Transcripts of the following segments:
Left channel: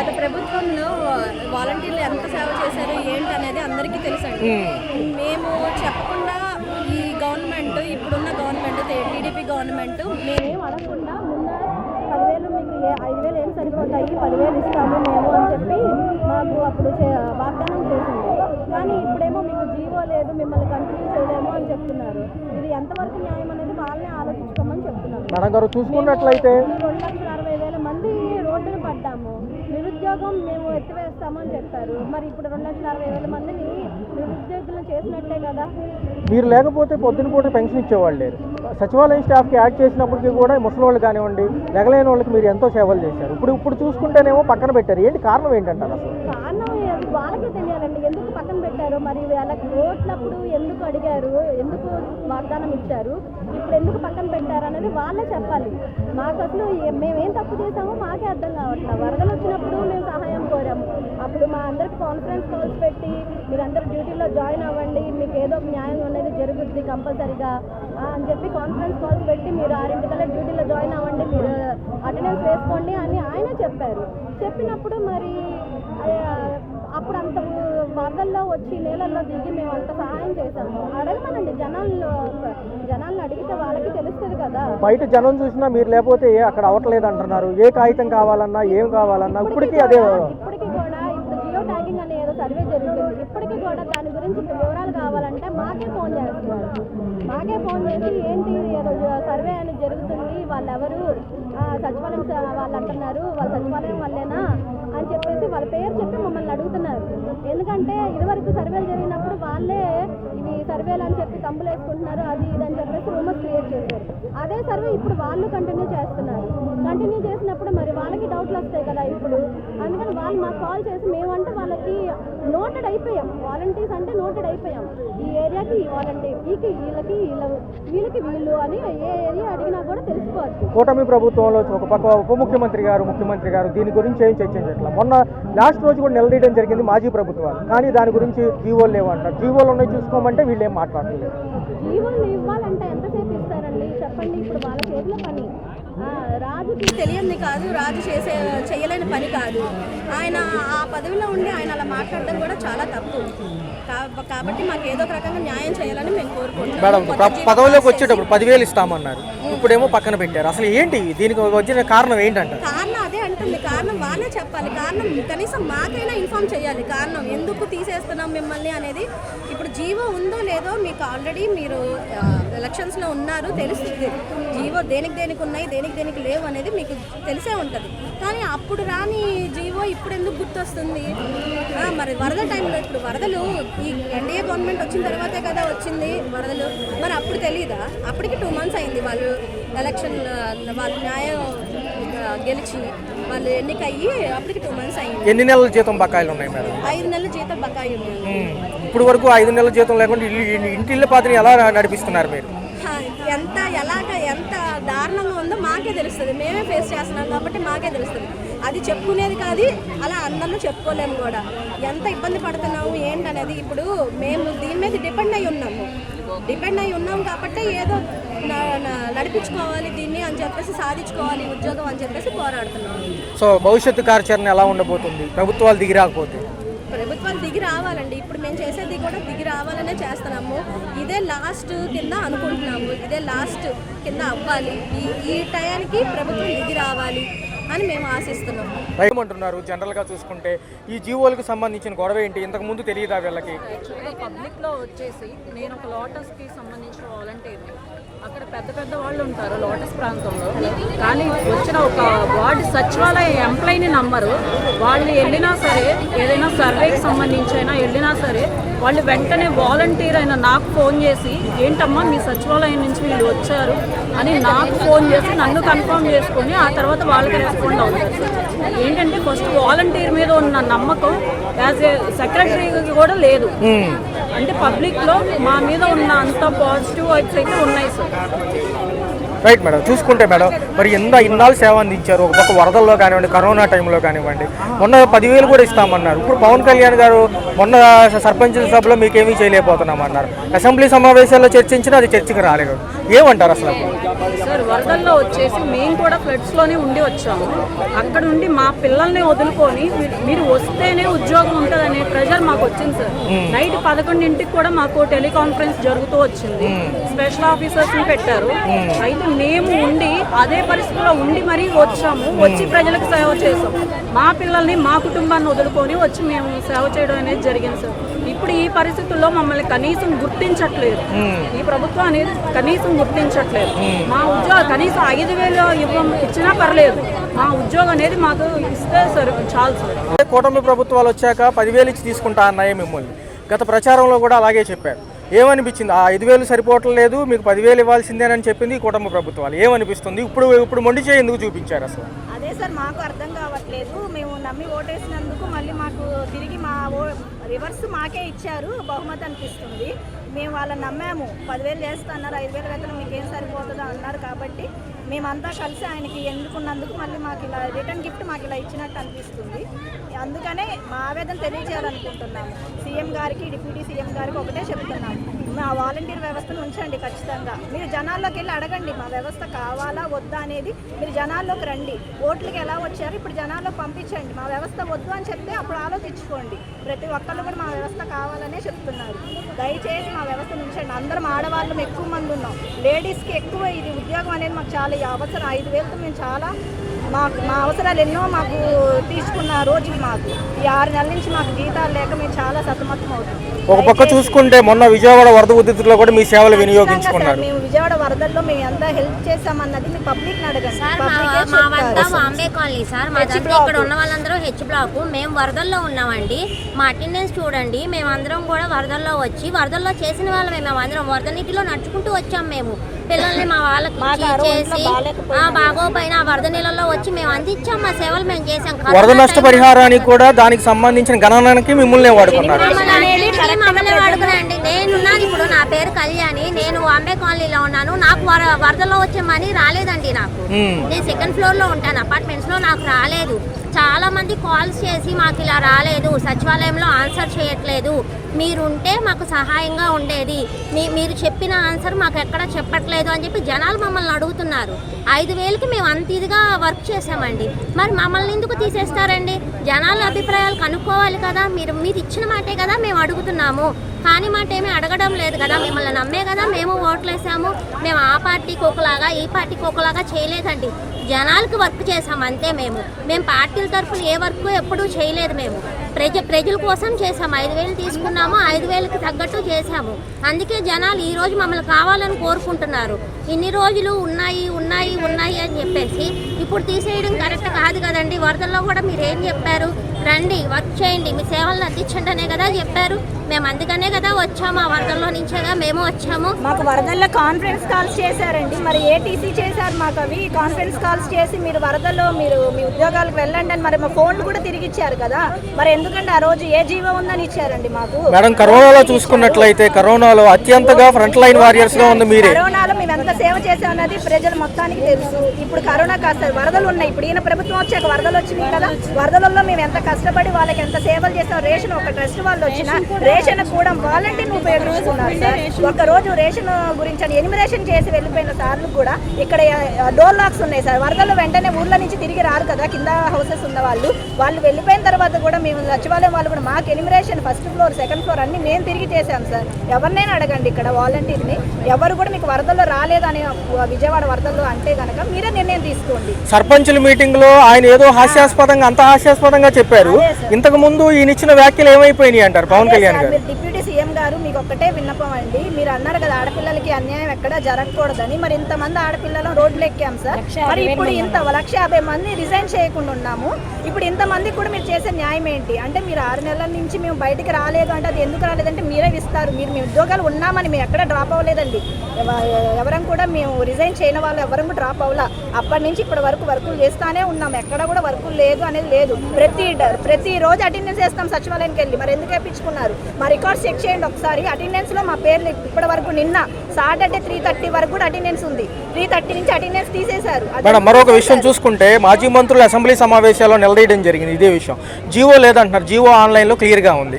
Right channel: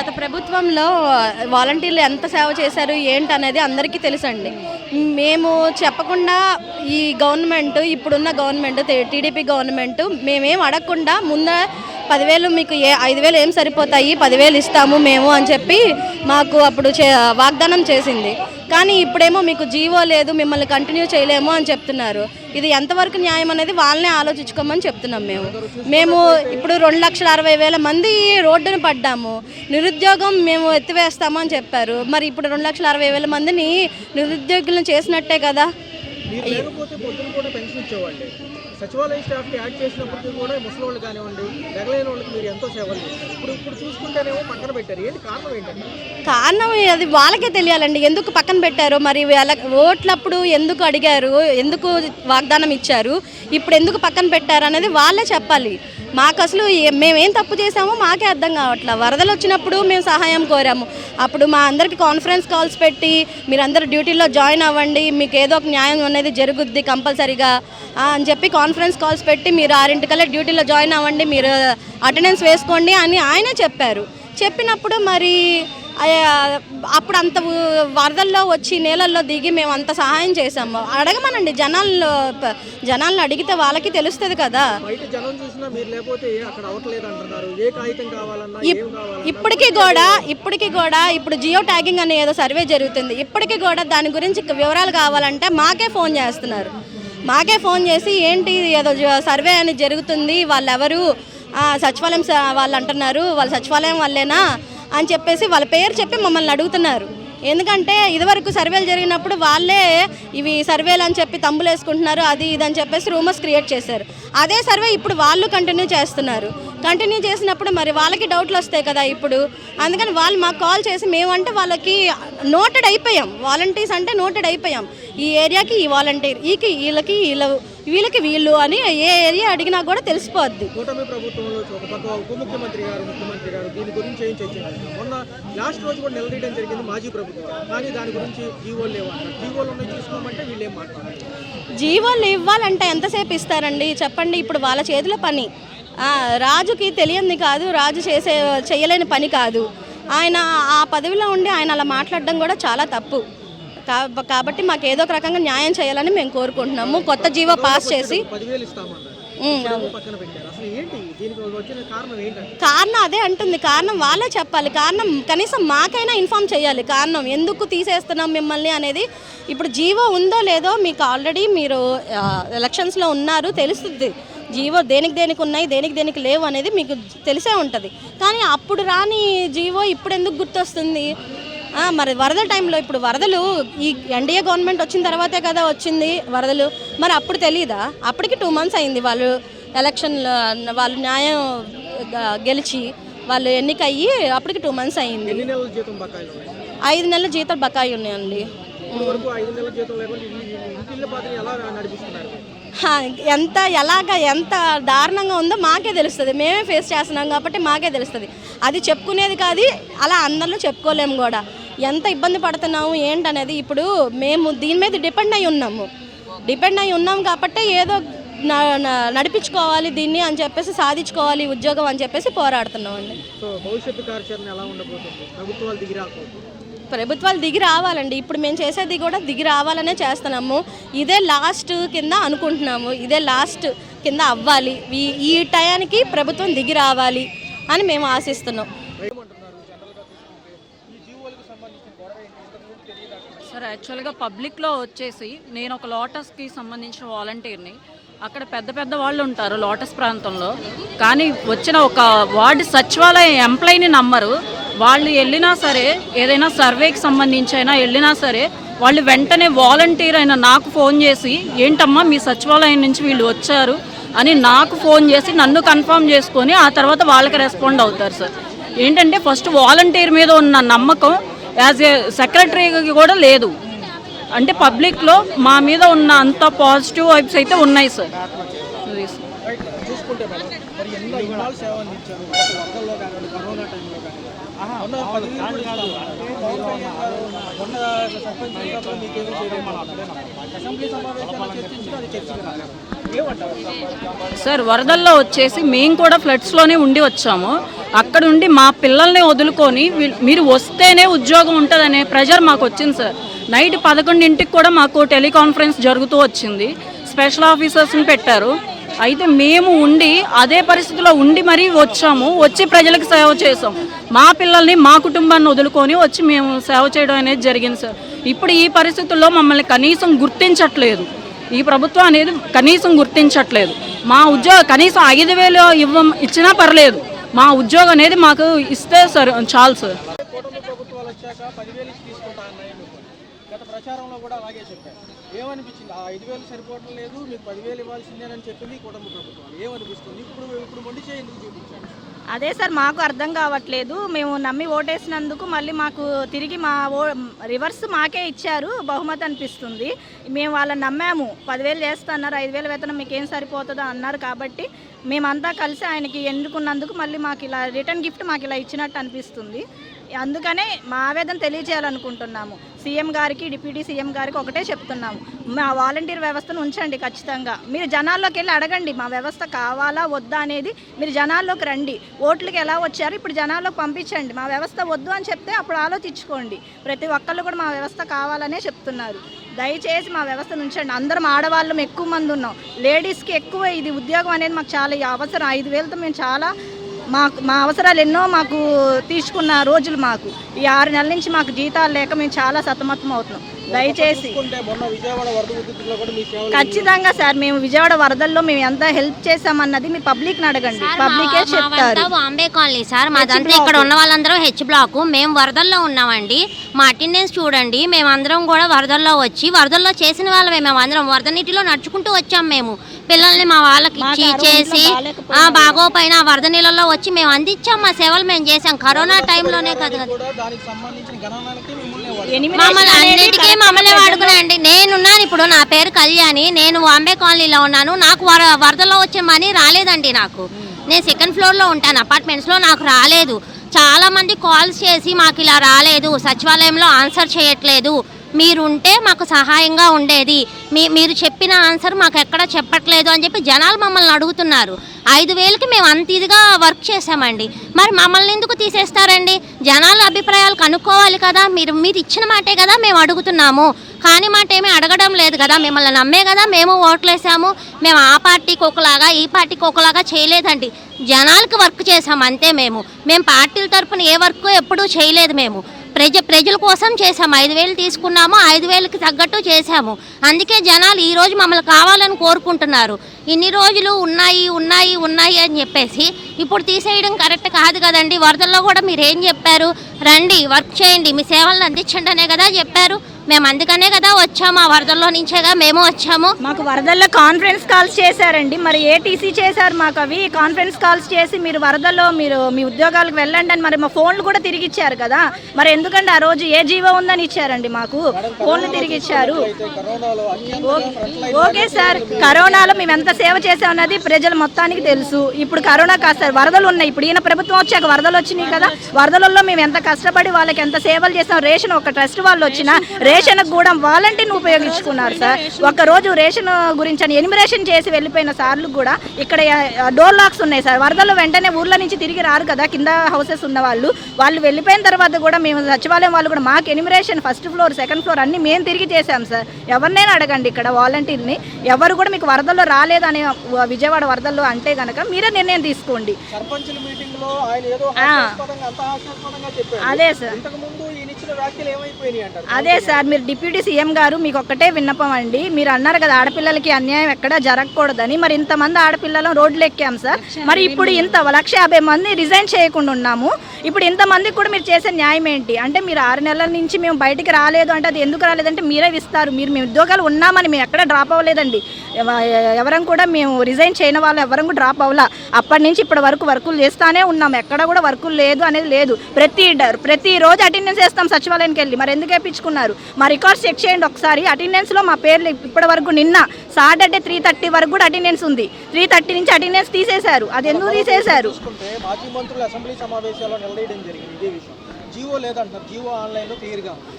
గత ప్రభుత్వంలో వాలంటీర్లు ఎంత సేవ చేశారు ఏంటి అనేది అందరికీ తెలుసండి. మేము చెప్పకుండా ఈ గవర్నమెంట్, ఇప్పుడున్న గవర్నమెంట్, టీడీపీ గవర్నమెంట్ మేమేం అడగకుండా ముందు 10,000 మీకు 5,000 ఏం సరిపోతాయి, 10,000 ఇస్తాము మేము అని చెప్పి మాకు అప్పుడు వాగ్దానం చేసింది. కానీ ఇప్పుడేమో మీకు జీవో లేదు, మిమ్మల్ని కంటిన్యూ చేయలేము అని చెప్తున్నారు. ఇది ఎంతవరకు న్యాయం అనేది వాళ్ళనే ఆలోచించుకోమని చెప్తున్నాం. మేము ఇప్పుడు 2,60,000 మంది రోడ్డును పడ్డాము. నిరుద్యోగం మేము ఎత్తివేస్తాము అని చెప్పారు. మరి ఇప్పుడు 2,60,000 మందిని నిరుద్యోగులను చేసినట్టే కదా. మీరు లేకపోతే పొద్దున పూట పెన్షన్ ఇచ్చేవాళ్ళు. సచివాలయం స్టాఫ్కి యాడ్ చేసినప్పటికీ కూడా ముసలి వాళ్ళు కానివ్వండి, వెగలేని వాళ్ళకి మీరు ఎంతో సేవలు చేశారు. ఇప్పుడు చూసుకుంటేనేమో పక్కన పెట్టారు. ఏంటి కారణం ఏంటంటారు? కారణం అది వాళ్ళకే తెలియాలండి, ఎందుకు పక్కన పెట్టారు. మరి ఓట్లప్పుడు ఎందుకు అడిగారు, ఎందుకు వాగ్దానం ఇచ్చారు, ఇప్పుడు ఎందుకు పక్కన పెట్టారు అనేది వాళ్ళే చెప్పాలి. మాకు అసలు మేమేం తప్పు చేసామో మాకే అర్థం కావట్లేదు. వరదలు వచ్చినప్పుడు మేము సహాయం కోరాము. అప్పుడు మా అందరికి కాన్ఫరెన్స్ కాల్స్ పెట్టి మీరందరూ డ్యూటీలో జాయిన్ అవ్వండి, మీకు ఏదో ఒక న్యాయం అనేది జరుగుద్ది కంపల్సరీగా అని చెప్పి కాన్ఫరెన్స్ కాల్స్ పెట్టి మీరు 6 డ్యూటీలో జాయిన్ అవ్వండి, మీరు అటెండెన్స్ వేసుకోండి అని ఆయనే చెప్పారు. చెప్పినప్పుడు మరి అప్పుడు అంత వరదల్లో వచ్చి నేలల్లో దిగి మేము అంత సహాయం చేసాము. అడగమనండి, జనాలను అడిగితే వాళ్ళకి తెలుస్తుంది కదా. బయట జనం చూసినా మీరు లేకపోతే అక్కడ అవ్వట్లేదు అంటున్నారు. ఏ కాగితం కావాలన్నా ఏం కావాలన్నా ఇప్పటికీ కూడా ఇప్పుడు జియో ట్యాగింగ్ అనే ఏదో సర్వే జరుగుతుంది. ఇప్పటికీ కూడా దాని గురించి వివరాలు కావాలంటే మాకే ఫోన్ చేస్తున్నారు. మాకే ఫోన్ చేసి ఏంటి ఏదో సర్వే అని జరుగుతుంది, వాళ్ళెవరు సచివాలయం వాళ్ళు అంటున్నారు, వాళ్ళ సచివాలయం వాళ్ళేనా అని చెప్పేసి వాళ్ళ పేరు చెప్పి మమ్మల్ని అడుగుతున్నారు. ఎందుకంటే ఇదివరకు సర్వేలు జరిగినప్పుడు వాళ్ళే ఇవి సర్వేలు అని చెప్పి తంబులు వేసుకుంటున్నారు, అది ఇదని చెప్పేసి రూమర్స్ క్రియేట్ చేశారు. అదే సర్వే ఇప్పుడు వాళ్ళు కంటిన్యూ చేస్తున్నారు. కంటిన్యూ చేసినప్పుడు మరి వాళ్ళకి డౌట్లు వస్తాయి కదా ఇప్పుడు. అందుకని వాళ్ళు మాకు కాల్ చేసి మేమంటే వాళ్ళకి నోటెడ్ అయిపోయాం, వాలంటీర్స్ అంటే నోటెడ్ అయిపోయాం. ఈ ఏరియాకి ఈ వాలంటీర్, వీళ్ళకి వీళ్ళు అని ఏ ఏరియా అడిగినా కూడా తెలిసిపోద్ది. కూటమి ప్రభుత్వంలో ఒక పక్క ఉప ముఖ్యమంత్రి గారు, ముఖ్యమంత్రి గారు దీని గురించి ఏం చర్చించారు. మొన్న లాస్ట్ రోజు కూడా నిలదీయడం జరిగింది మాజీ ప్రభుత్వాలు. కానీ దాని గురించి జీవోలు లేవంటారు. జీవోలు ఉన్నాయి చూసుకోమంటే వీళ్ళు ఏం మాట్లాడలేదు. జీవోలు ఇవ్వాలంటే ఎంతసేపు ఇస్తారండి చెప్పండి. ఇప్పుడు వాళ్ళ చేతిలో పని. రాజుకి తెలియంది కాదు, రాజు చేయలేని పని కాదు. ఆయన ఆ పదవిలో ఉండి ఆయన అలా మాట్లాడడం కూడా చాలా తప్పు. కాబట్టి మాకు ఏదో ఒక రకంగా న్యాయం చేయాలని మేము కోరుకుంటున్నాము. కొత్త జీవో పాస్ చేసి 10,000 ఇస్తామన్నారు, ఇప్పుడేమో పక్కన పెట్టారు. అసలు ఏంటి దీనికి వచ్చిన కారణం ఏంటంటే? కారణం అదే అంటుంది, కారణం వాళ్ళే చెప్పాలి. కారణం కనీసం మాకైనా ఇన్ఫార్మ్ చేయాలి. కారణం ఎందుకు తీసేస్తున్నాం మిమ్మల్ని అనేది. ఇప్పుడు జీవో ఉందో లేదో మీకు ఆల్రెడీ మీరు ఎలక్షన్స్లో ఉన్నారు, తెలుస్తుంది. జీవో దేనికి ఉన్నాయి, దేనికి లేవు అనేది మీకు తెలిసే ఉంటుంది. కానీ అప్పుడు రాని జీవో ఇప్పుడు ఎందుకు గుర్తొస్తుంది? మరి వరదల టైంలో, ఇప్పుడు వరదలు ఈ ఎన్డీఏ గవర్నమెంట్ వచ్చిన తర్వాతే కదా వచ్చింది వరదలు. మరి అప్పుడు తెలీదా? అప్పటికి 2 months అయింది. వాళ్ళు ఎలక్షన్లో వాళ్ళు న్యాయం గెలిచి వాళ్ళు ఎన్నికయ్యి అప్పటికి 2 months అయింది. ఎన్ని నెలల జీతం బకాయిలు ఉన్నాయి మేడం? 5 నెలల జీతం బకాయి ఉన్నాయండి. ఇప్పుడు వరకు 5 నెలల జీతం లేకుండా ఇంటిళ్ళ పాత్రని ఎలా నడిపిస్తున్నారు మీరు? ఎంత దారుణంగా ఉందో మాకే తెలుస్తుంది. మేమే ఫేస్ చేస్తున్నాం కాబట్టి మాకే తెలుస్తుంది. అది చెప్పుకునేది కాదు, అలా అందరిలో చెప్పుకోలేము కూడా. ఎంత ఇబ్బంది పడుతున్నాము ఏంటనేది. ఇప్పుడు మేము దీని మీద డిపెండ్ అయి ఉన్నాం కాబట్టి ఏదో నడిపించుకోవాలి దీన్ని అని చెప్పేసి, సాధించుకోవాలి ఉద్యోగం అని చెప్పేసి పోరాడుతున్నాం. సో భవిష్యత్తు కార్యాచరణ ఎలా ఉండబోతుంది ప్రభుత్వాలు దిగి రాకపోతే? ప్రభుత్వాలు దిగి రావాలండి. ఇప్పుడు మేము చేసేది కూడా దిగి రావాలనే చేస్తున్నాము. ఇదే లాస్ట్ కింద అనుకుంటున్నాము, ఇదే లాస్ట్ కింద అవ్వాలి. ఈ టయానికి ప్రభుత్వం దిగి రావాలి అని మేము ఆశిస్తున్నాం. అంటున్నారు. జనరల్గా చూసుకుంటే ఈ జీవోలకు సంబంధించిన గొడవ ఏంటి, ఇంతకు ముందు తెలియదా వీళ్ళకి? యాక్చువల్గా పబ్లిక్లో వచ్చేసి నేను ఒక లోటస్కి సంబంధించిన వాలంటీర్ని. అక్కడ పెద్ద వాళ్ళు ఉంటారు లోటస్ ప్రాంతంలో, కానీ వచ్చిన ఒక వార్డు సచివాలయ ఎంప్లాయీని నమ్మరు. వాళ్ళు వెళ్ళినా సరే, ఏదైనా సర్వేకి సంబంధించి అయినా వెళ్ళినా సరే, వాళ్ళు వెంటనే వాలంటీర్ అయిన నాకు ఫోన్ చేసి ఏంటమ్మా మీ సచివాలయం నుంచి వీళ్ళు వచ్చారు అని నాకు ఫోన్ చేసి నన్ను కన్ఫర్మ్ చేసుకొని ఆ తర్వాత వాళ్ళకి రెస్పాండ్ అవుతారు సార్. ఏంటంటే ఫస్ట్ వాలంటీర్ మీద ఉన్న నమ్మకం యాజ్ ఏ సెక్రటరీకి కూడా లేదు. అంటే పబ్లిక్లో మా మీద ఉన్న అంత పాజిటివ్ వైబ్స్ అయితే ఉన్నాయి సార్. Right madam. చూసుకుంటే మేడం మరి ఇన్నాళ్ళు సేవ అందించారు. ఒక పక్క వరదల్లో కానివ్వండి, కరోనా టైంలో కానివ్వండి, మొన్న 10,000 కూడా ఇస్తామన్నారు. ఇప్పుడు పవన్ కళ్యాణ్ గారు మొన్న సర్పంచ్ సభలో మీకేమీ చేయలేకపోతున్నామన్నారు. అసెంబ్లీ సమావేశాల్లో చర్చించినా అది చర్చకు రాలేదు. ఏమంటారు అసలు? సార్ వరదల్లో వచ్చేసి మేము కూడా ఫ్లడ్స్లోనే ఉండి వచ్చాము. అక్కడ నుండి మా పిల్లల్ని వదులుకొని మీరు వస్తేనే ఉద్యోగం ఉంటుందనే ప్రెషర్ మాకు వచ్చింది సార్. నైట్ 11ంటికి కూడా మాకు టెలికాన్ఫరెన్స్ జరుగుతూ వచ్చింది. స్పెషల్ ఆఫీసర్స్ని పెట్టారు. అయితే మేము ఉండి అదే పరిస్థితిలో ఉండి మరీ వచ్చాము. వచ్చి ప్రజలకు సేవ చేసాం. మా పిల్లల్ని మా కుటుంబాన్ని వదులుకొని వచ్చి మేము సేవ చేయడం అనేది జరిగింది సార్. ఇప్పుడు ఈ పరిస్థితుల్లో మమ్మల్ని కనీసం గుర్తించట్లేదు. ఈ ప్రభుత్వం అనేది కనీసం గుర్తించట్లేదు. మా ఉద్యోగం కనీసం 5,000 ఇచ్చినా పర్లేదు. మా ఉద్యోగం అనేది మాకు ఇస్తే సార్ చాలు సార్. కూటమి ప్రభుత్వాలు వచ్చాక 10,000 ఇచ్చి తీసుకుంటా అన్నాయి మిమ్మల్ని. గత ప్రచారంలో కూడా అలాగే చెప్పారు. ఏమనిపించింది? ఆ 5,000 సరిపోవట్లేదు, మీకు 10,000 ఇవ్వాల్సిందేనని చెప్పింది ఈ కూటమి ప్రభుత్వాలు. ఏమనిపిస్తుంది? ఇప్పుడు మొండి చేయి ఎందుకు చూపించారు అసలు? అదే సార్ మాకు అర్థం కావట్లేదు. మేము నమ్మి ఓటేసినందుకు మళ్ళీ మాకు తిరిగి రివర్స్ మాకే ఇచ్చారు బహుమతి అనిపిస్తుంది. మేము వాళ్ళని నమ్మాము. 10,000 చేస్తున్నారు, 5,000 వేతనం మీకు ఏం సరిపోతుందో అన్నారు. కాబట్టి మేమంతా కలిసి ఆయనకి ఎన్నుకున్నందుకు మళ్ళీ మాకు ఇలా రిటర్న్ గిఫ్ట్ మాకు ఇలా ఇచ్చినట్టు అనిపిస్తుంది. అందుకనే మా ఆవేదన తెలియజేయాలనుకుంటున్నాము. సీఎం గారికి, డిప్యూటీ సీఎం గారికి ఒకటే చెప్తున్నాము, మా వాలంటీర్ వ్యవస్థను ఉంచండి ఖచ్చితంగా. మీరు జనాల్లోకి వెళ్ళి అడగండి, మా వ్యవస్థ కావాలా వద్దా అనేది. మీరు జనాల్లోకి రండి. ఓట్లకి ఎలా వచ్చారు ఇప్పుడు జనాల్లోకి పంపించండి. మా వ్యవస్థ వద్దు అని చెప్తే అప్పుడు ఆలోచించుకోండి. ప్రతి ఒక్కళ్ళు కూడా మా వ్యవస్థ కావాలనే చెప్తున్నారు. దయచేసి మా వ్యవస్థను ఉంచండి. అందరం ఆడవాళ్ళం ఎక్కువ మంది ఉన్నాం. లేడీస్కి ఎక్కువ ఇది ఉద్యోగం అనేది మాకు చాలా అవసరం. 5,000తో మేము చాలా మా అవసరాలు ఎన్నో మాకు తీసుకున్న రోజులు మాకు ఈ 6 నెలల నుంచి మాకు జీతాలు లేక మేము చాలా సతమతం అవుతాం. ఒక పక్క చూసుకుంటే మొన్న విజయవాడ వరద ఉధృతిలో కూడా మీ సేవలు వినియోగించుకున్నారు. సార్ మేము విజయవాడ వరదల్లో మేము ఎంత హెల్ప్ చేసామన్నది మీ పబ్లిక్ అడగండి. పబ్లికే చెప్తారు. బాంబే కాలనీ సార్ మాదంతా. ఇక్కడ ఉన్న వాళ్ళందరం హెచ్ బ్లాక్. మేము వరదల్లో ఉన్నామండి. మా అటెండెన్స్ చూడండి. మేమందరం కూడా వరదల్లో వచ్చి వరదల్లో చేసిన వాళ్ళమే. మేము అందరం వరద నీటిలో నడుచుకుంటూ వచ్చాం. మేము పిల్లల్ని మా వాళ్ళకి ఇచ్చి చేసి బాగోపోయిన వరద నీళ్ళలో వచ్చి మేము అందించాం. మా సేవలు మేము చేసాం. వరద నష్టపరిహారానికి కూడా దానికి సంబంధించిన గణనానికి మిమ్మల్ని వాడుకున్నారు. మమ్మల్ని వాడుకున్నాండి. నేనున్నాను ఇప్పుడు. నా పేరు కళ్యాణి. నేను బాంబే కాలనీలో ఉన్నాను. నాకు వరదలో వచ్చే మనీ రాలేదండి. నాకు నేను 2nd ఫ్లోర్లో ఉంటాను. అపార్ట్మెంట్స్లో నాకు రాలేదు. చాలా మంది కాల్స్ చేసి మాకు ఇలా రాలేదు, సచివాలయంలో ఆన్సర్ చేయట్లేదు, మీరుంటే మాకు సహాయంగా ఉండేది, మీరు చెప్పిన ఆన్సర్ మాకు ఎక్కడ చెప్పట్లేదు అని చెప్పి జనాలు మమ్మల్ని అడుగుతున్నారు. 5,000కి మేము అంత ఇదిగా వర్క్ చేసామండి. మరి మమ్మల్ని ఎందుకు తీసేస్తారండి? జనాల అభిప్రాయాలు కనుక్కోవాలి కదా. మీరు ఇచ్చిన మాటే కదా మేము అడుగుతున్నాము. కానీ మాట ఏమీ అడగడం లేదు కదా. మిమ్మల్ని నమ్మే కదా మేము ఓట్లేసాము. మేము ఆ పార్టీకి ఒకలాగా ఈ పార్టీకి ఒకలాగా చేయలేదండి. జనాలకు వర్క్ చేసాము అంతే. మేము పార్టీల తరఫున ఏ వర్క్ ఎప్పుడూ చేయలేదు. మేము ప్రజల కోసం చేసాము. 5,000 తీసుకున్నాము, 5,000కి తగ్గట్టు చేసాము. అందుకే జనాలు ఈరోజు మమ్మల్ని కావాలని కోరుకుంటున్నారు. ఇన్ని రోజులు ఉన్నాయి ఉన్నాయి ఉన్నాయి అని చెప్పేసి ఇప్పుడు తీసేయడం కరెక్ట్ కాదు కదండి. వరదల్లో కూడా మీరు ఏం చెప్పారు? రండి వర్క్ చేయండి, మీ సేవలను అందించండి అనే కదా చెప్పారు. మేము అందుకనే కదా వచ్చాము. ఆ వరదల్లో నుంచేగా మేము వచ్చాము. మాకు వరదల్లో కాన్ఫరెన్స్ కాల్స్ చేశారండి. మరి ఏటీసీ చేశారు మాకు. అవి కాన్ఫరెన్స్ కాల్స్ చేసి మీరు వరదల్లో మీరు మీ ఉద్యోగాలకు వెళ్ళండి అని మరి మా ఫోన్లు కూడా తిరిగి ఇచ్చారు కదా. మరి ఎందుకంటే ఆ రోజు ఏ జీవో ఉందని ఇచ్చారండి మాకు. మేడం కరోనాలో చూసుకున్నట్లయితే కరోనాలో అత్యంతగా ఫ్రంట్ లైన్ వారియర్స్ లో ఉంది మీరు. కరోనాలో మేము ఎంత సేవ చేసామన్నది ప్రజలు మొత్తానికి తెలుసు. ఇప్పుడు కరోనా కాస్త వరదలు ఉన్నాయి. ఇప్పుడు ఈయన ప్రభుత్వం వచ్చాక వరదలు వచ్చినాయి కదా. వరదలలో మేము ఎంత కష్టపడి వాళ్ళకి ఎంత సేవలు చేసాం. రేషన్ ఒక ట్రస్ట్ వాళ్ళు వచ్చిన రేషన్ కూడా వాలంటీర్ని ఉపయోగించుకున్నారు సార్. ఒక్కరోజు రేషన్ గురించి అని ఎనిమిరేషన్ చేసి వెళ్ళిపోయిన సార్లు కూడా ఇక్కడ డోర్ లాక్స్ ఉన్నాయి సార్. వరదలు వెంటనే ఊర్ల నుంచి తిరిగి రారు కదా. కింద హౌసెస్ ఉన్న వాళ్ళు వెళ్ళిపోయిన తర్వాత కూడా మేము సచివాలయం వాళ్ళు కూడా మాకు enumeration 1st floor 2nd floor అన్ని మేము తిరిగి చేసాం సార్. ఎవరినైనా అడగండి ఇక్కడ వాలంటీర్ని. ఎవరు కూడా మీకు వరదల్లో రాలేదని విజయవాడ వరదల్లో అంటే గనక మీరే నిర్ణయం తీసుకోండి. సర్పంచుల మీటింగ్ లో ఆయన ఏదో హాస్యాస్పదంగా అంత హాస్యాస్పదంగా చెప్పారు. ఇంతకు ముందు ఈయన ఇచ్చిన వ్యాఖ్యలు ఏమైపోయినాయి అంటారు పవన్ కళ్యాణ్? మీరు డిప్యూటీ సీఎం గారు మీకు ఒక్కటే విన్నపం అండి. మీరు అన్నారు కదా ఆడపిల్లలకి అన్యాయం ఎక్కడా జరగకూడదని. మరి ఇంతమంది ఆడపిల్లలు రోడ్లు ఎక్కాం సార్. మరి ఇప్పుడు ఇంత 150 మంది రిజైన్ చేయకుండా ఉన్నాము. ఇప్పుడు ఇంతమందికి కూడా మీరు చేసే న్యాయం ఏంటి? అంటే మీరు 6 నెలల నుంచి మేము బయటికి రాలేదు అంటే అది ఎందుకు రాలేదంటే మీరే ఇస్తారు. మీరు మీ ఉద్యోగాలు ఉన్నామని మేము ఎక్కడ డ్రాప్ అవ్వలేదండి. ఎవరం కూడా మేము రిజైన్ చేయని వాళ్ళు ఎవరం కూడా డ్రాప్ అవ్వాల. అప్పటి నుంచి ఇప్పటి వరకు వర్కులు చేస్తానే ఉన్నాం. ఎక్కడ కూడా వర్కులు లేదు అనేది లేదు. ప్రతి రోజు అటెండెన్స్ వేస్తాం సచివాలయానికి వెళ్ళి. మరి ఎందుకు వేయించుకున్నారు? మా రికార్డ్స్ చెక్ చేయండి ఒకసారి. అటెండెన్స్లో మా పేర్లు ఇప్పటి వరకు నిన్న సాటర్డే 3:30 వరకు కూడా అటెండెన్స్ ఉంది. 3:30 నుంచి అటెండెన్స్ తీసేశారు. మరొక విషయం చూసుకుంటే మాజీ మంత్రులు అసెంబ్లీ సమావేశాల్లో నిలదీయడం జరిగింది ఇదే విషయం. జీవో లేదంటున్నారు, జీవో ఆన్లైన్లో క్లియర్గా ఉంది.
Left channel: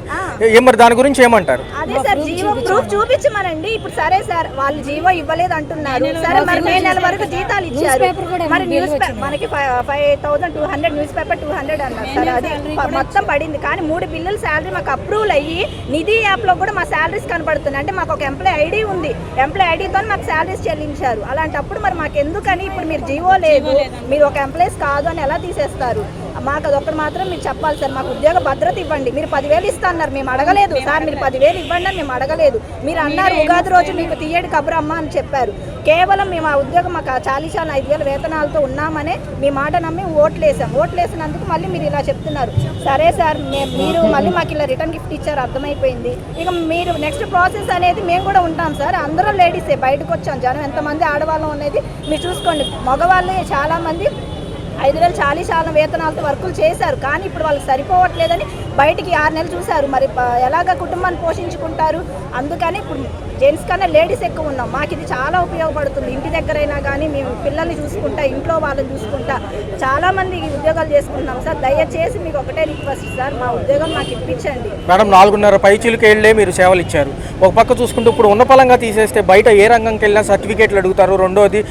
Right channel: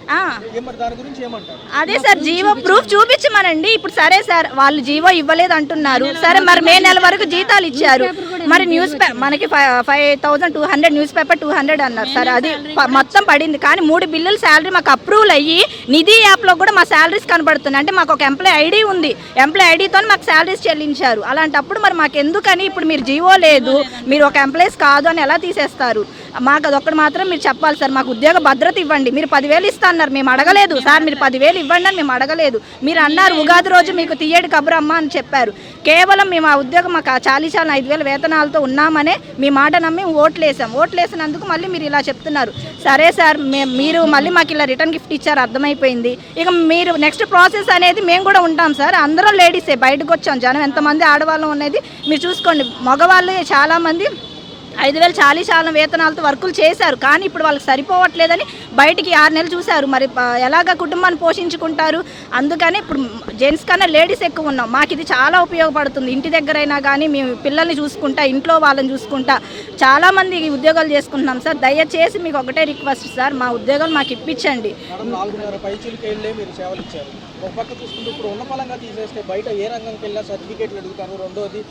మరి దాని గురించి ఏమంటారు? అదే సార్, జీవో ప్రూఫ్ చూపించమనండి. ఇప్పుడు సరే సార్, వాళ్ళు జీవో ఇవ్వలేదు అంటున్నారు. సరే మరి మే నెల వరకు జీతాలు ఇచ్చారు. మరి న్యూస్ మనకి 5200 న్యూస్ పేపర్ 200 అన్నారు. సరే అది మొత్తం పడింది. కానీ 3 బిల్లుల శాలరీ మాకు అప్రూవల్ అయ్యి నిధి యాప్లో కూడా మా శాలరీస్ కనబడుతున్నాయి. అంటే మాకు ఒక ఎంప్లాయ్ ఐడి ఉంది. ఎంప్లాయ్ ఐడితో మాకు శాలరీస్ చెల్లించారు. అలాంటప్పుడు మరి మాకు ఎందుకని ఇప్పుడు మీరు జీవో లేదు, మీరు ఒక ఎంప్లాయీస్ కాదు అని ఎలా తీసేస్తారు? మాకు అదొక్కటి మాత్రం మీరు చెప్పాలి సార్. మాకు ఉద్యోగ భద్రత ఇవ్వండి. మీరు 10,000 ఇస్తా అన్నారు, మేము అడగలేదు సార్. మీరు 10,000 ఇవ్వండి అని మేము అడగలేదు. మీరు అన్నారు ఉగాది రోజు మీకు తీయడి కబురమ్మ అని చెప్పారు. కేవలం మేము ఆ ఉద్యోగం మాకు 40,000 వేతనాలతో ఉన్నామనే మీ మాట నమ్మి ఓట్లేసినందుకు మళ్ళీ మీరు ఇలా చెప్తున్నారు. సరే సార్, మీరు మళ్ళీ మాకు ఇలా రిటర్న్ గిఫ్ట్ ఇచ్చారు, అర్థమైపోయింది. ఇక మీరు నెక్స్ట్ ప్రాసెస్ అనేది మేము కూడా ఉంటాం సార్. అందరూ లేడీసే బయటకు వచ్చాం. జనం ఎంతమంది ఆడవాళ్ళం అనేది మీరు చూసుకోండి. మగవాళ్ళు చాలామంది 5,000 40,000 వేతనాలతో వర్కులు చేశారు. కానీ ఇప్పుడు వాళ్ళకి సరిపోవట్లేదని బయటికి 6 నెలలు చూశారు. మరి ఎలాగ కుటుంబాన్ని పోషించుకుంటారు? అందుకని ఇప్పుడు జెంట్స్ కన్నా లేడీస్ ఎక్కువ ఉన్నాం. మాకు ఇది చాలా ఉపయోగపడుతుంది. ఇంటి దగ్గరైనా కానీ మేము పిల్లల్ని చూసుకుంటా, ఇంట్లో వాళ్ళని చూసుకుంటా చాలామంది ఉద్యోగాలు చేసుకుంటున్నాం సార్. దయచేసి మీకు ఒకటే రిక్వెస్ట్ సార్, మా ఉద్యోగం మాకు ఇప్పించండి. మేడం 4.5 పైచీలకి వెళ్ళే మీరు సేవలు ఇచ్చారు. ఒక పక్క చూసుకుంటే ఇప్పుడు ఉన్న పలంగా తీసేస్తే బయట ఏ రంగంకి వెళ్ళినా సర్టిఫికేట్లు అడుగుతారు. రెండోది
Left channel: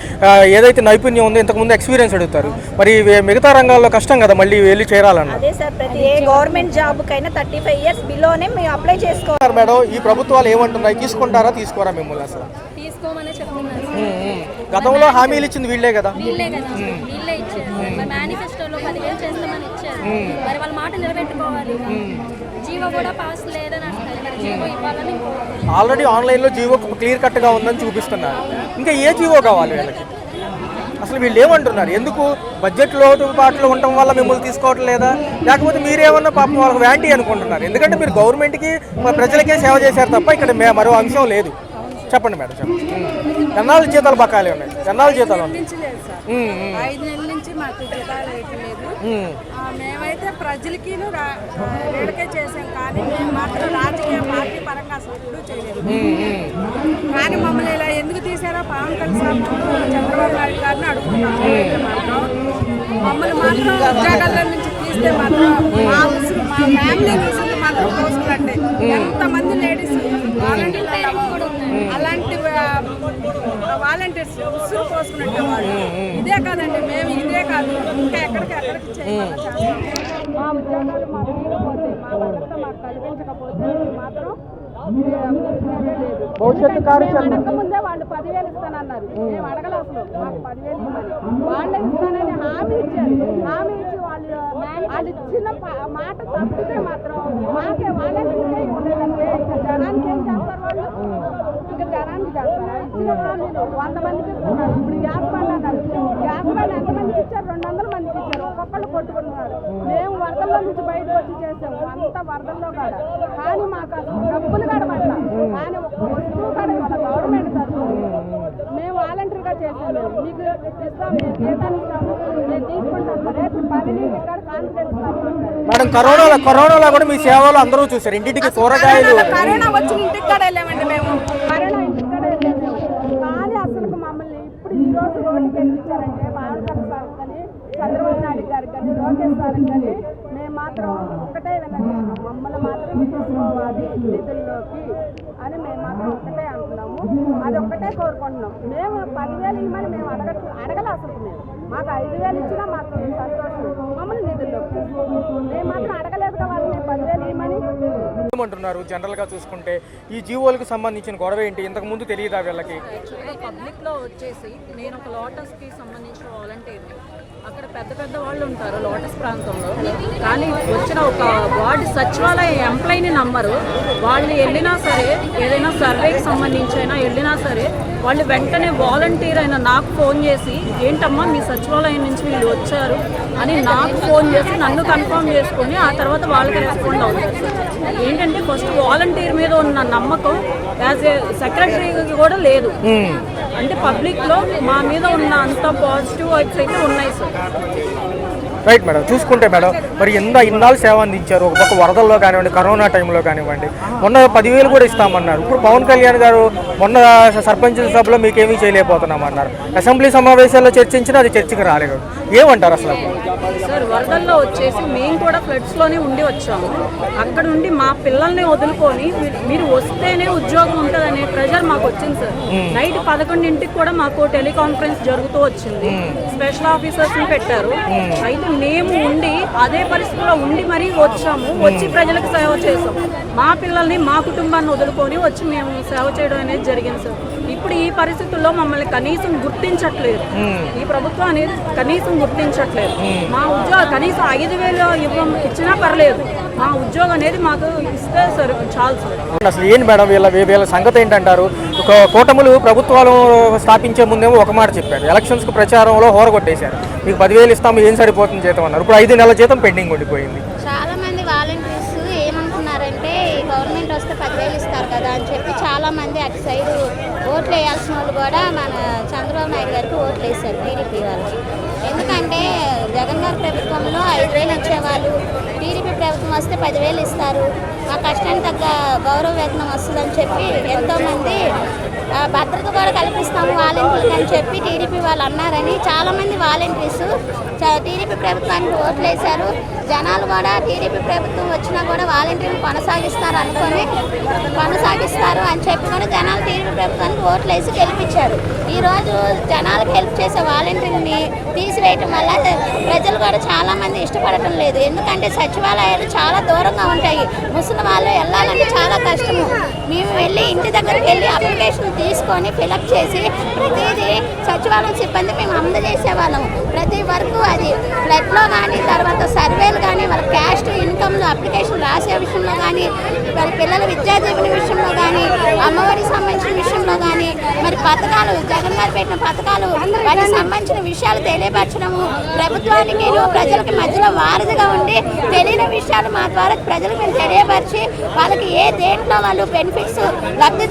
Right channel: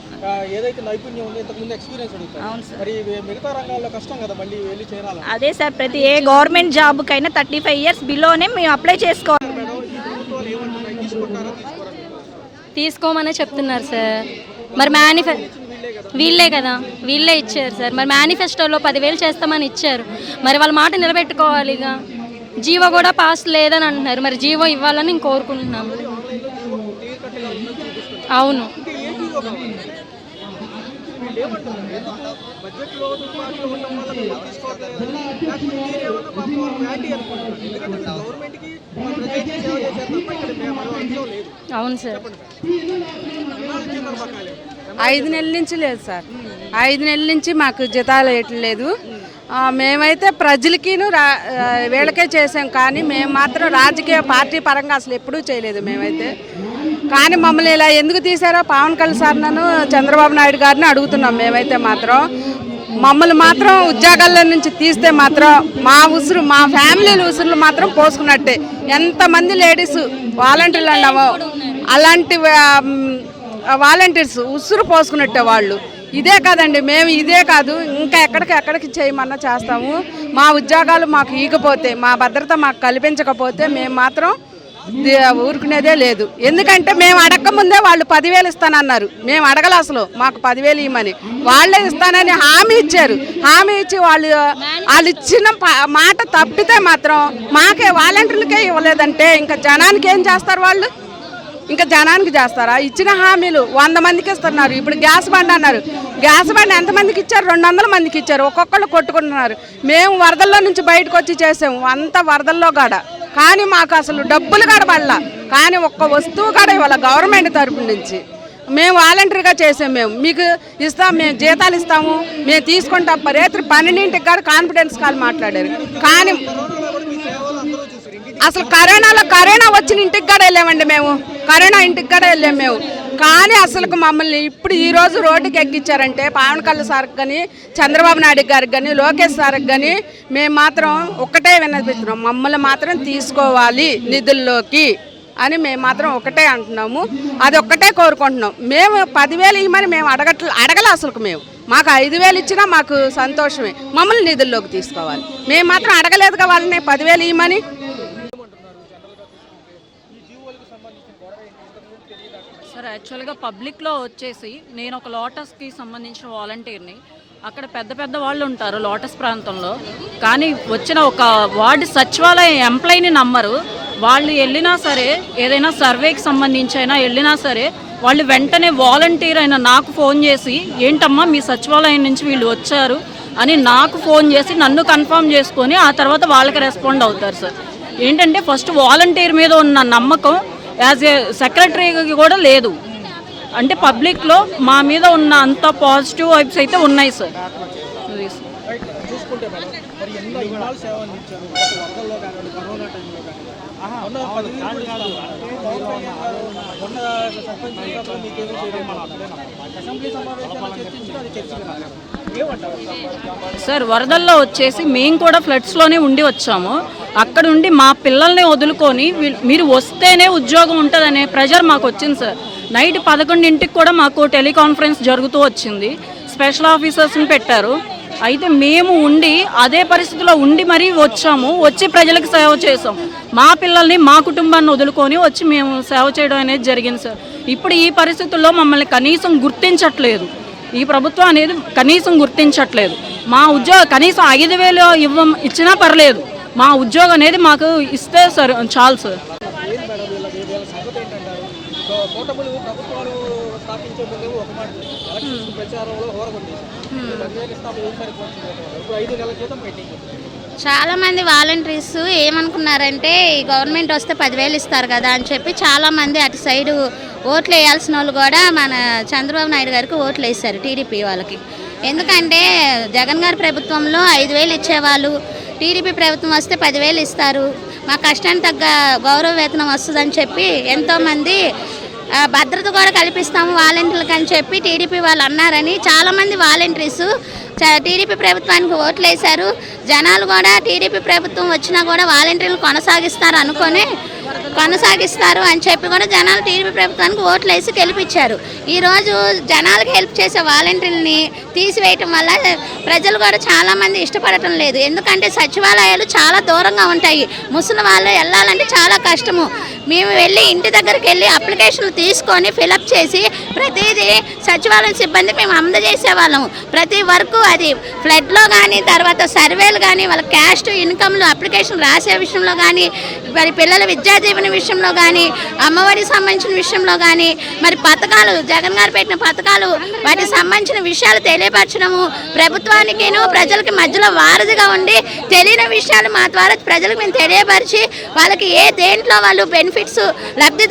ఏదైతే నైపుణ్యం ఉందో ఇంతకుముందు ఎక్స్పీరియన్స్ అడుగుతారు. మరి మిగతా రంగాల్లో కష్టం కదా మళ్ళీ వెళ్ళి చేరాలని. అదే సార్, ప్రతి ఏ గవర్నమెంట్ జాబ్ కైనా 35 years బిలోనే మేము అప్లై చేసుకోవాలి. మేడం ఈ ప్రభుత్వాలు ఏమంటున్నాయి, తీసుకుంటారా తీసుకోరా? మిమ్మల్ని అసలు తీసుకోమనే చెప్తున్నారు సార్. వీళ్ళే ఇచ్చారు సార్. మరి మేనిఫెస్టోలో 10,000 చేస్తామని ఇచ్చారు. మరి వాళ్ళ మాట నిలబెట్టుకోవాలి. జీవో కూడా పాస్ లేదని అంటున్నారు. మరి జీవో ఇవ్వాలని నేను కోరుకుంటున్నాను. ఆల్రెడీ ఆన్లైన్ లో జీవో క్లియర్ కట్ గా ఉందని చూపిస్తున్నారు. అవును, ఇంకా ఏ జీవో కావాలి వీళ్ళకి? అసలు వీళ్ళు ఏమంటున్నారు? ఎందుకు బడ్జెట్ లోటుపాట్లు ఉండటం వల్ల మిమ్మల్ని తీసుకోవటం లేదా, లేకపోతే మీరేమన్నా పాపం వాళ్ళకి వ్యాంటీ అనుకుంటున్నారు? ఎందుకంటే మీరు గవర్నమెంట్కి ప్రజలకే సేవ చేశారు తప్ప ఇక్కడ మరో అంశం లేదు. చెప్పండి మేడం, చెప్పండి. ఎన్నాళ్ళు జీతాలు బకాయిలు ఉన్నాయి? 5 నెలల నుంచి లేదు సార్. 5 నెలల నుంచి మాకు జీతాలు వేయట్లేదు. మేమైతే ప్రజలకి వీళ్ళకే చేసాం. కానీ మేము మాత్రం రాజకీయ పార్టీ పరంగా అసలు ఎప్పుడూ చేయలేదు మేమైతే. కానీ మమ్మల్ని ఇలా ఎందుకు తీశారో పవన్ కళ్యాణ్ సార్ నన్ను చంద్రబాబు నాయుడు గారిని అడుగుతున్నాం. మేమైతే మాత్రం మమ్మల్ని మాత్రం ఉద్యోగాల్లో నుంచి తీస్తే మాత్రం మా ఉసురు, మా ఫ్యామిలీ ఉసురులు మాత్రం పోసుకున్నట్టే. ఎంతమంది లేడీస్ వాలంటీర్లు అన్నామో అలాంటి వాలంటీర్స్ ఉసురు పోసుకున్నట్టే వాళ్ళు. ఇదే కాదండి, మేము ఇదే కాదు ఇంకా ఎక్కడికి చేయమన్నా చేస్తాము. మా ఉద్యోగాలు మాకు ఈగపోతే, మా భద్రత మాకు కల్పించకపోతే మేము మాత్రం ఊరుకునేదే లేదు. ఎందుకంటే మేము అడగకముందే వాళ్ళు 10,000 ఇస్తానన్నారు. మేము అడగల అసలు మాకు 10,000 ఇవ్వమని. వాళ్ళే ఇస్తానని హామీ ఇచ్చారు. హామీ ఇచ్చి వాళ్ళు ఇచ్చిన మాట తప్పితే మాత్రం మాకే వాలంటీర్లకే ఇవ్వలేదంటే ఇంకా జనానికి ఏం చేస్తారు వాళ్ళు? ఇంకా జనానికి చేస్తారా? ఇచ్చిన హామీలు 100 మందికి ఇస్తున్నారు. ఇప్పుడు గ్యాస్ బండ్ అన్నారు. గ్యాస్ బండ్ ఎంతమందికి ఇచ్చారు? 200 మందికి ఇచ్చారు. ఒక్కొక్కళ్ళు కొట్టుకుంటున్నారు. మేము వరదల్లో నుంచి బయటకు వచ్చి చేసాము, అంత వరదల్లో కాడ. కానీ మాకు అసలు డబ్బులు కడబడలా. కానీ ఒక్క వస్తువు కాడ ఇవాళ గవర్నమెంట్ తరపు నుంచి మేము వాలంటరీగా చేసాం. మేము మీకు ఇస్తాం, మేము జీతాలు ఇస్తాము, మేము తీసుకుంటాం. రేత్రి 12ంటికి కాడ కాన్ఫిడెన్స్ కాల్ మాట్లాడారు. అసలు కరోనా వచ్చిన ఇంటికి కూడా వెళ్ళామండి మేము. కరోనా ఇంటికి కూడా వెళ్ళాం మేము. కానీ అసలు మమ్మల్ని ఇప్పుడు ఈ రోజు రోడ్డుకి ఎక్కించారంటే పవన్ కళ్యాణ్ సార్కి కానీ, చంద్రబాబు నాయుడు గారికి కానీ, లోకేష్ సార్కి కానీ మేము మాత్రం ఒక్కటే విన్నపిస్తున్నాం, మమ్మల్ని మాత్రం తీసుకోవాలి నిధుల్లోకి అని మేము మాత్రం ఒకటే అంటున్నాము. అది ఒక్కటే కోరుకుంటున్నాం. మేము 10,000 ఇవ్వమని మేము అడగల అసలు. మాకు 5,000 ఇచ్చినా మాకు సంతోషమే. మమ్మల్ని నిధుల్లోకి తీసుకోవాలి. మేము మాత్రం అడగలేదుగా వాళ్ళని 10,000 ఇవ్వమని. ఏమంటున్నారు జనరల్ గా చూసుకుంటే ఈ జీవోలకు సంబంధించిన గొడవ ఏంటి? ఇంతకు ముందు తెలియదా వీళ్ళకి? యాక్చువల్గా పబ్లిక్ లో వచ్చేసి నేను ఒక లోటస్ కి సంబంధించిన వాలంటీర్ని. అక్కడ పెద్ద వాళ్ళు ఉంటారు లోటస్ ప్రాంతంలో. కానీ వచ్చిన ఒక వార్డు సచివాలయ ఎంప్లాయీని నమ్మరు. వాళ్ళు వెళ్ళినా సరే, ఏదైనా సర్వేకి సంబంధించి అయినా వెళ్ళినా సరే, వాళ్ళు వెంటనే వాలంటీర్ అయిన నాకు ఫోన్ చేసి ఏంటమ్మా మీ సచివాలయం నుంచి వీళ్ళు వచ్చారు అని నాకు ఫోన్ చేసి నన్ను కన్ఫర్మ్ చేసుకొని ఆ తర్వాత వాళ్ళకి రెస్పాండ్ అవుతారు సార్. ఏంటంటే ఫస్ట్ వాలంటీర్ మీద ఉన్న నమ్మకం యాజ్ ఏ సెక్రటరీకి కూడా లేదు. అంటే పబ్లిక్లో మా మీద ఉన్న అంత పాజిటివ్ వైబ్స్ అయితే ఉన్నాయి సార్. Right madam. చూసుకుంటే మేడం మరి ఇన్నాళ్ళు సేవ అందించారు. ఒక పక్క వరదల్లో కానివ్వండి, కరోనా టైంలో కానివ్వండి, మొన్న 10,000 కూడా ఇస్తామన్నారు. ఇప్పుడు పవన్ కళ్యాణ్ గారు మొన్న సర్పంచ్ సభలో మీకేమీ చేయలేకపోతున్నామన్నారు. అసెంబ్లీ సమావేశాల్లో చర్చించినా అది చర్చకు రాలేదు. ఏమంటారు అసలు? సార్ వరదల్లో వచ్చేసి మేము కూడా ఫ్లడ్స్లోనే ఉండి వచ్చాము. అక్కడ నుండి మా పిల్లల్ని వదులుకొని మీరు వస్తేనే ఉద్యోగం ఉంటుందనే ప్రెషర్ మాకు వచ్చింది సార్. నైట్ 11ంటికి కూడా మాకు టెలికాన్ఫరెన్స్ జరుగుతూ వచ్చింది. స్పెషల్ ఆఫీసర్స్ని పెట్టారు. అయితే మేము ఉండి అదే పరిస్థితిలో ఉండి మరీ వచ్చాము. వచ్చి ప్రజలకు సేవ చేసాం. మా పిల్లల్ని మా కుటుంబాన్ని వదులుకొని వచ్చి మేము సేవ చేయడం అనేది జరిగింది సార్. ఇప్పుడు ఈ పరిస్థితుల్లో మమ్మల్ని కనీసం గుర్తించట్లేదు. ఈ ప్రభుత్వం అనేది కనీసం గుర్తించట్లేదు. మా ఉద్యోగం కనీసం 5,000 ఇచ్చినా పర్లేదు. మా ఉద్యోగం అనేది మాకు ఇస్తే సార్ చాలు సార్. అసలు ఏంటి మేడం వీళ్ళ సంగతి ఏంటంటారు? ఒక కూటములు ప్రభుత్వాలు స్థాపించే ముందేమో ఒక మాట చెప్పారు, ఎలక్షన్స్కి ప్రచారంలో హోరగొట్టేశారు. మీకు 10,000 ఇస్తాము, ఏం సరిపోతుంది జీతం అన్నారు. ఇప్పుడు 5 నెలల జీతం పెండింగ్ ఉండిపోయింది. చాలా మంది వాలంటీర్స్ ఏమనుకున్నారంటే గవర్నమెంట్ వస్తే 10,000 ఇస్తారు కదా అని చెప్పి చాలా మంది అటు సైడ్ ఓట్లు వేయాల్సిన వాళ్ళు కూడా మన చంద్రబాబు నాయుడు గారికి ఓట్లు వేశారు, టీడీపీ వాళ్ళకి. ఎందుకంటే జగన్ గారి ప్రభుత్వంలో 5,000 ఇచ్చేవాళ్ళు, టీడీపీ ప్రభుత్వం వస్తే 10,000 ఇస్తారు, మా కష్టానికి తగ్గ గౌరవ వేతనం వస్తుందని చెప్పి ఎంతోమంది భద్రత కూడా కల్పిస్తాము వాలంటీర్లకు అని చెప్పి టీడీపీ వాళ్ళు అన్నారని చాలామంది వాలంటీర్స్ టీడీపీ ప్రభుత్వానికి ఓట్లు వేశారు. జనాలు కూడా టీడీపీ ప్రభుత్వం వచ్చినా కూడా వాలంటీర్లు కొనసాగిస్తారు అని చెప్పి కూడా జనాలు టీడీపీ ప్రభుత్వానికి ఓట్లు వేసి గెలిపించారు. ఈరోజు జనాలకు హెల్ప్ చేసే వాలంటీర్ని తీసివేయటం వల్ల ప్రజలు కూడా చాలామంది ఇష్టపడటం లేదు. ఎందుకంటే సచివాలయాలు చాలా దూరంగా ఉంటాయి. ముసలి వాళ్ళు వెళ్ళాలంటే చాలా కష్టము. మేము వెళ్ళి ఇంటి దగ్గరికి వెళ్ళి అప్లికేషన్లు తీసుకొని ఫిలప్ చేసి ప్రతిదీ సచివాలయం సిబ్బంది మేము అందజేసే వాళ్ళము. ప్రతి వరకు అది ఫ్లడ్లో కానీ, తర్వాత సర్వేలు కానీ, వాళ్ళ క్యాస్ట్ ఇన్కమ్లు అప్లికేషన్ రాసే విషయంలో కానీ, మరి పిల్లల విద్యా దీవెన విషయంలో కానీ, అమ్మఒడికి సంబంధించిన విషయంలో కానీ, మరి పథకాలు జగన్ గారు పెట్టిన పథకాలు వాటికి సంబంధించిన విషయాలు తెలియపరచడము, ప్రభుత్వానికి ప్రజలకి మధ్యలో వారధిగా ఉండి తెలియని విషయాలు మా ద్వారా ప్రజలకు మేము తెలియపరిచి వాళ్ళకి దేంట్లో వాళ్ళు బెనిఫిట్స్ లబ్ధి